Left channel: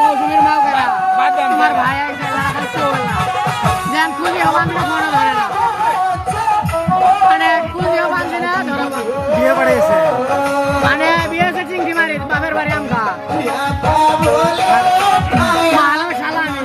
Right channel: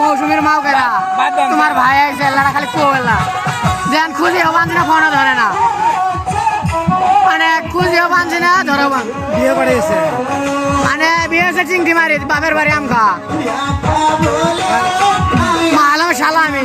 মৌসুমীর মাও কেনা তোমার ভাই খালি যেন খুঁজি হবান ফোনও ধরে না মানে খুঁজি হবানছে না ধরো বিয়ে করেছে মানে বিয়ে হচ্ছে চিংটি মারি বাপের বাড়ি আমখা ভালো শালা আমি